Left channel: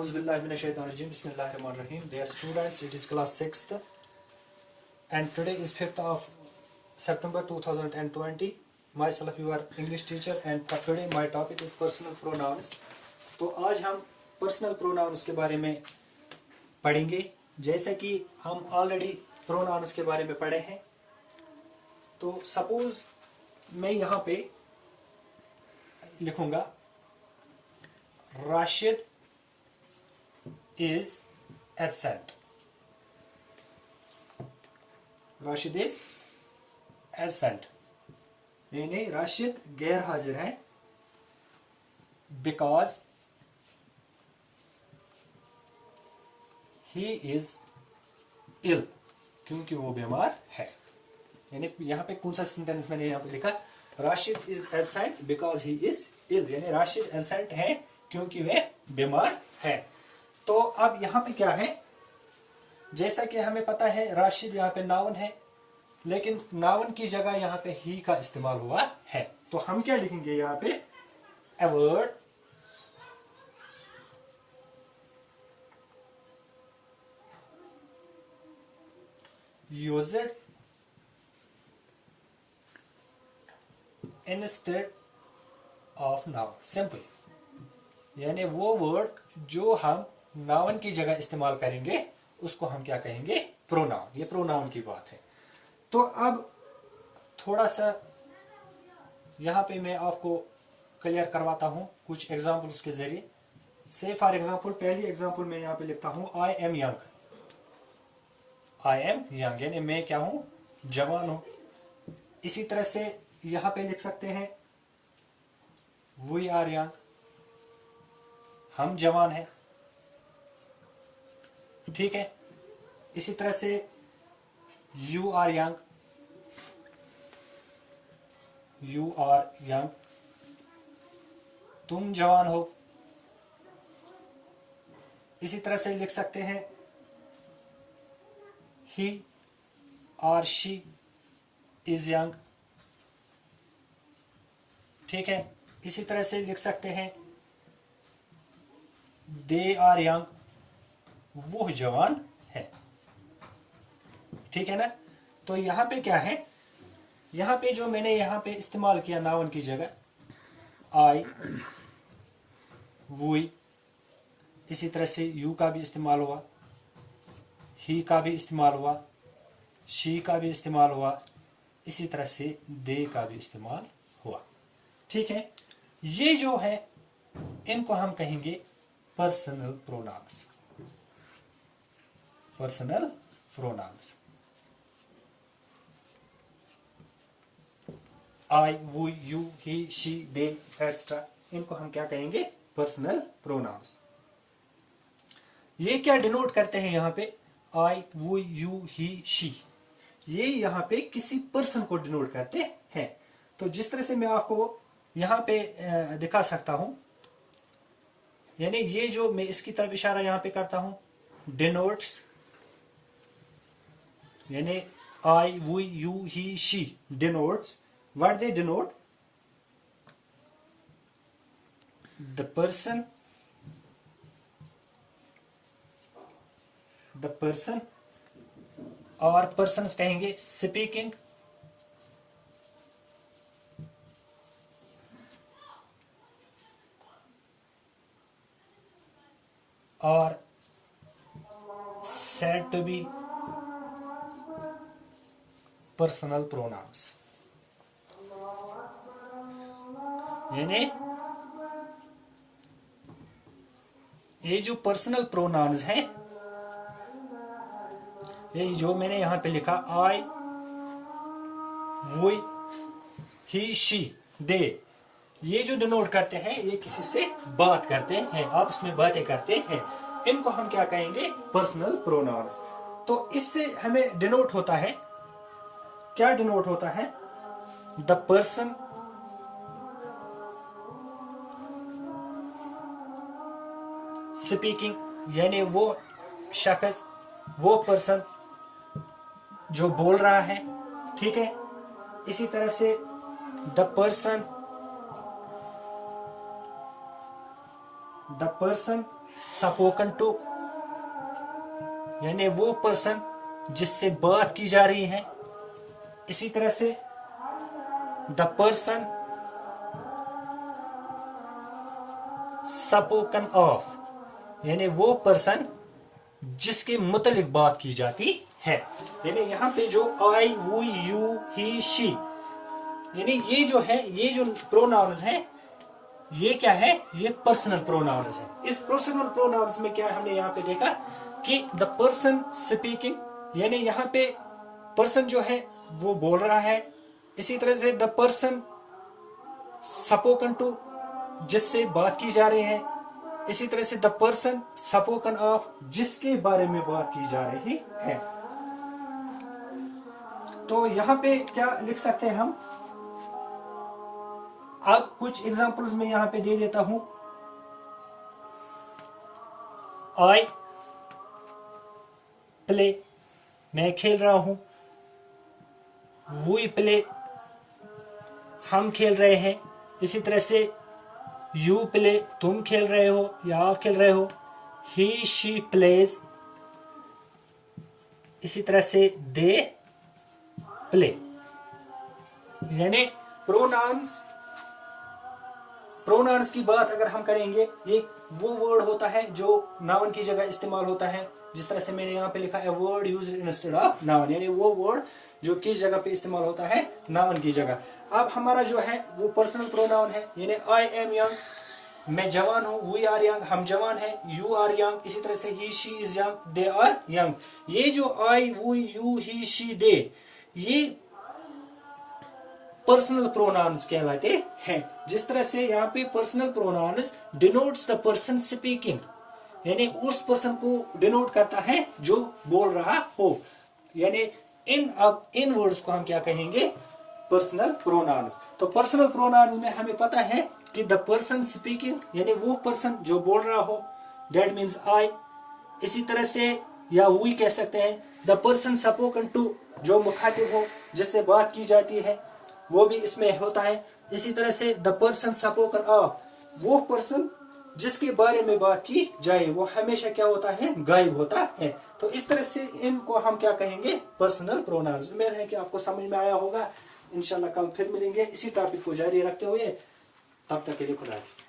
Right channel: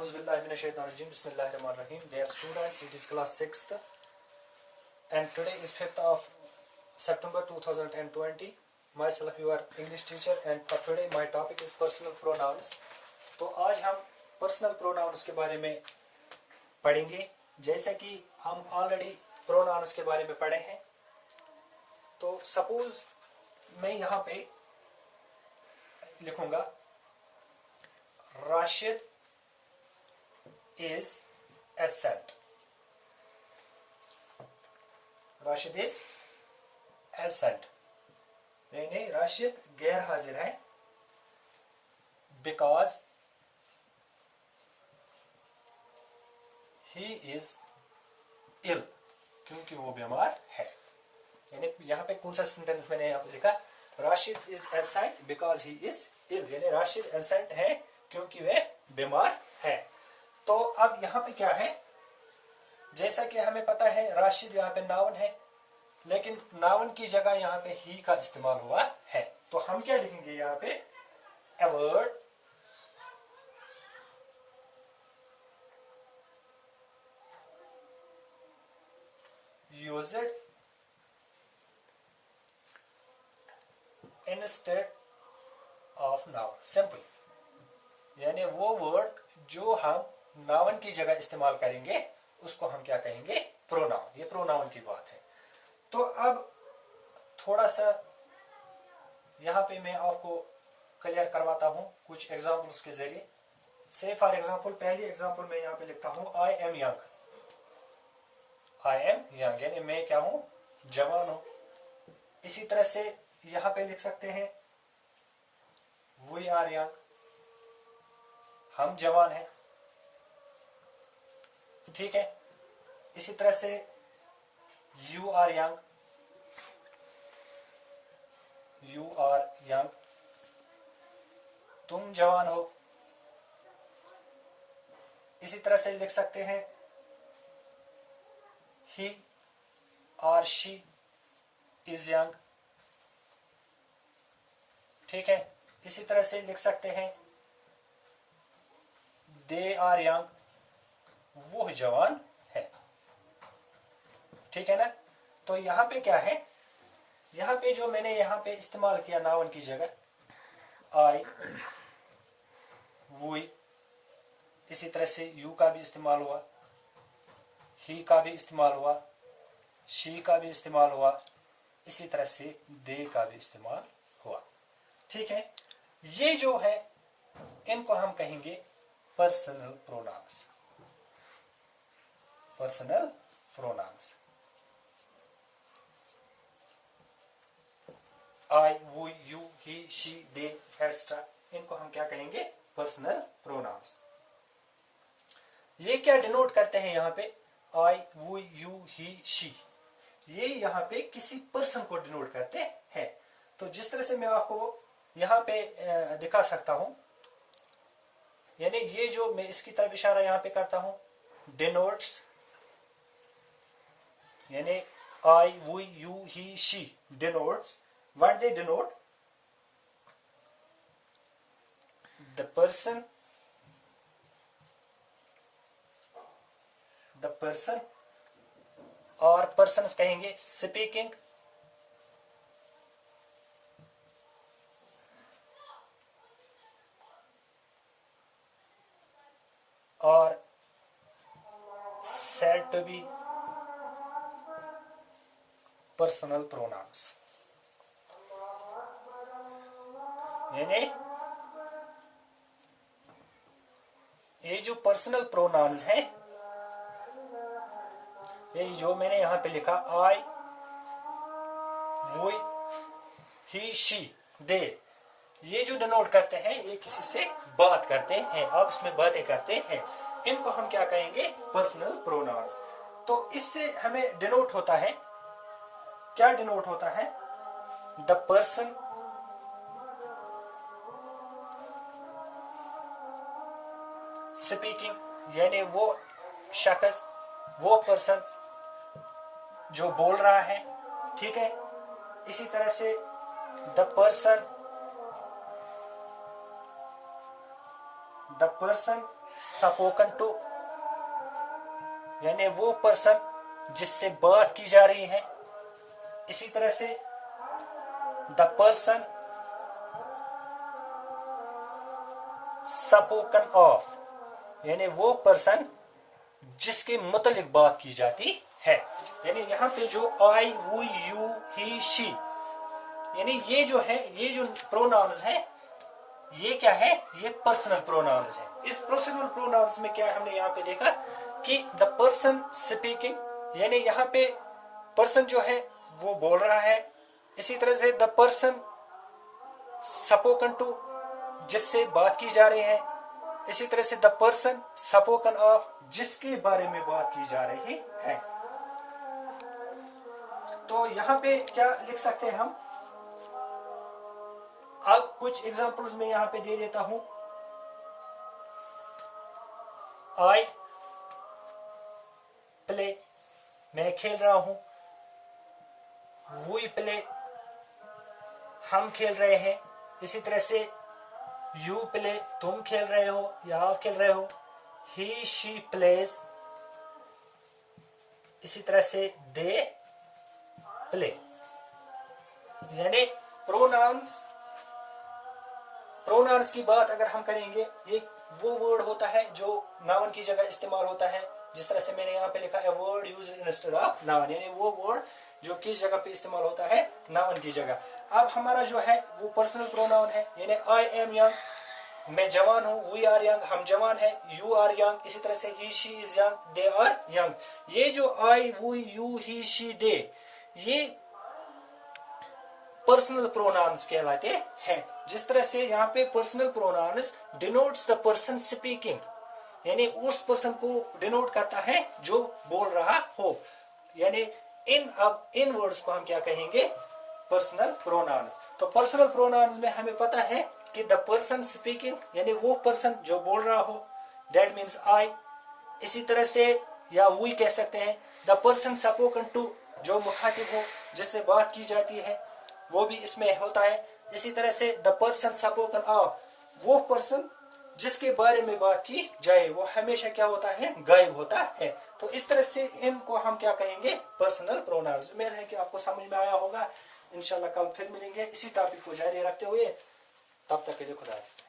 Auzubillahiminash-shaytanir-rajim. Bismillahir-rahmanir-rahim. Dear students, it is class 6th and today is 5th of September 2020. Myself your English teacher and today my topic is personal pronouns. तो आज हम personal pronouns के बारे में पढ़ेंगे। जैसा कि हम ऑलरेडी प्रोनाउंस के बारे में पढ़े हैं, तो सपोज मैं यहाँ पे लिखूंगा Rashid is absent. Rashid is absent यानी राशिद गैर हाजिर है, बिकॉज ही इज इल, क्योंकि वो बीमार है। यानी यहाँ पे कौन सा सेंटेंस मैंने यहाँ पे लिखा, Rashid is absent because he is ill, यानी राशिद एब्सेंट है क्योंकि वह बीमार है। तो अब यहाँ पे क्या है, जैसा कि हमें पता है राशिद यहाँ पे नाउन है, लेकिन नाउन की जगह यहाँ पे ही का इस्तेमाल हुआ है। तो हम क्या लिखेंगे यहाँ पे, a word used instead of noun, simple। यानी वो वर्ड जो हम नाउन की जगह इस्तेमाल करेंगे उसको हम क्या कहेंगे, प्रोनाउन। ये प्रोनाउन की बात है। तो अब थोड़ा सा यहाँ पे मैं आपको क्लियर करवाता हूँ कुछ एग्जांपल्स के जरिए। से फॉर एग्जांपल, पहली एग्जांपल मैं यहाँ पे लिखता हूँ I am young. I am young यानी मैं क्या हूं, जवान हूं। इसी तरह से यहां पे लिख सकते हैं वी आर यंग, हम जवान हैं, ठीक है। इसी तरह से you are young, you are young, तुम जवान हो। इसी तरह से लिख सकते हैं he or she is young, ठीक है। इसी तरह से लिख सकते हैं they are young, वो जवान है, ठीक है ना। तो यहां पे क्या है, यहां पे जो मैंने यहां पे इस्तेमाल किया नाउन की जगह आई, वी, इसी तरह से यू का भी इस्तेमाल हुआ, ही का भी इस्तेमाल हुआ, शी का भी इस्तेमाल हुआ, इसी तरह से दे का भी इस्तेमाल हुआ, ठीक है। ये जो है इनको हम कहेंगे पर्सनल प्रोनाउंस। पर्सनल प्रोनाउंस आई, वो, you, he, she, they etcetera, इनको हम क्या कहेंगे, पर्सनल प्रोनाउंस। ये क्या डिनोट करते हैं यहाँ पे, आई, वो, यू, ही, शी, ये यहाँ पे किसी पर्सन को डिनोट करते हैं। तो जिस तरह से मैं आपको यहाँ पे दिखा सकता हूं, यानी ये जो मैं इसकी तरफ इशारा यहाँ पे करता हूं, डिनोट्स, यानी आई, वो, you, he, she denotes, what they denote, the person, the person, और पर्सन्स कहेंगे स्पीकिंग, और said to be personal pronouns. यानी ये जो पर्सनल प्रोनाउंस हैं, ये जो मैंने यहां पे लिखा आई, वो, ही, शी, दे, ये जो डिनोट करते हैं, ये किसी से बात करते हैं, आपस में बातें करते हैं, इनको हम क्या कहेंगे, पर्सनल प्रोनाउंस। तो इससे हमें डिनोट होता है, क्या डिनोट होता है, द पर्सन स्पीकिंग, यानी वो शख्स, वो पर्सन जो बोल रहा है, ठीक है। इसी तरह से द पर्सन स्पोकन टू, यानी वो पर्सन जिससे बात की जा रही है। इसी तरह से द पर्सन स्पोकन ऑफ, यानी वो पर्सन जिसके मुतलिक बात की जाती है। यानी यहाँ पे जो आई, वो, यू, ही, शी, यानी ये जो है, ये जो प्रोनाउंस हैं, ये क्या है, ये पर्सनल प्रोनाउंस है। इस पर्सनल प्रोनाउंस में क्या हमने यहाँ पे देखा कि द पर्सन स्पीकिंग, यानी यहाँ पे पर्सन जो है वो बोल रहा है। इसी तरह से द पर्सन स्पोकन टू, जिससे बात की जा रही है। इसी तरह से द पर्सन स्पोकन ऑफ, जिसके बारे में बात की जा रही है। तो यहाँ पे क्या लिख सकते हैं हम, अब कुछ एग्जांपल्स में यहां पे दे देता हूं। आई प्ले, मैं खेल रहा हूं। वी प्ले, हम खेल रहे हैं। इसी तरह से यू प्ले, तुम खेल रहे हो या आप खेल रहे हो। ही शी प्लेज, इसी तरह से दे प्ले। यानी प्रोनाउंस की बात अगर हम करेंगे, ये वो वर्ड होता है जो नाउन की जगह इस्तेमाल होता है। जिस तरह से मैंने यहाँ पे लिखा है word used instead of noun, यानी वो वर्ड जो किस जगह पे इस्तेमाल होता है, नाउन की जगह। अब हमारा जो है वो पर्सनल प्रोनाउन है, यानी आई एम यंग, मैं जवान हूं। वी आर यंग, हम जवान हैं। यू आर यंग, इसी तरह से ही she is young, they are young. ये जो आई, वो, यू, ही, शी, दे, ये पर्सनल प्रोनाउंस कहलाते हैं। जिस तरह से यहाँ पे personal pronouns denotes the person speaking, यानी उस पर्सन को डिनोट करता है जो बोल रहा हो। यानी इन वर्ड्स को हम क्या कहेंगे, पर्सनल प्रोनाउंस। तो पर्सनल प्रोनाउंस में हमें पता है कि द पर्सन स्पीकिंग, यानी वो पर्सन जो बोल रहा हो, दैट मीन्स आई। इसी तरह से या वी कह सकते हैं द पर्सन स्पोकन टू, जो मुखातिब हो, जिससे बात की जाती है, वो भी इसमें होता है। इसी तरह से द पर्सन स्पोकन ऑफ, वो पर्सन जिसके बारे में बात की जाए, वो हमेशा क्या होता है, गायब होता है। तो इस तरह से इनको हम क्या कहेंगे, पर्सनल प्रोनाउंस। उम्मीद है कि आपको समझ में आया होगा। इंशाल्लाह कल फिर मिलेंगे इसी टॉपिक को जारी रखते हुए। तब तक के लिए खुदा हाफिज़।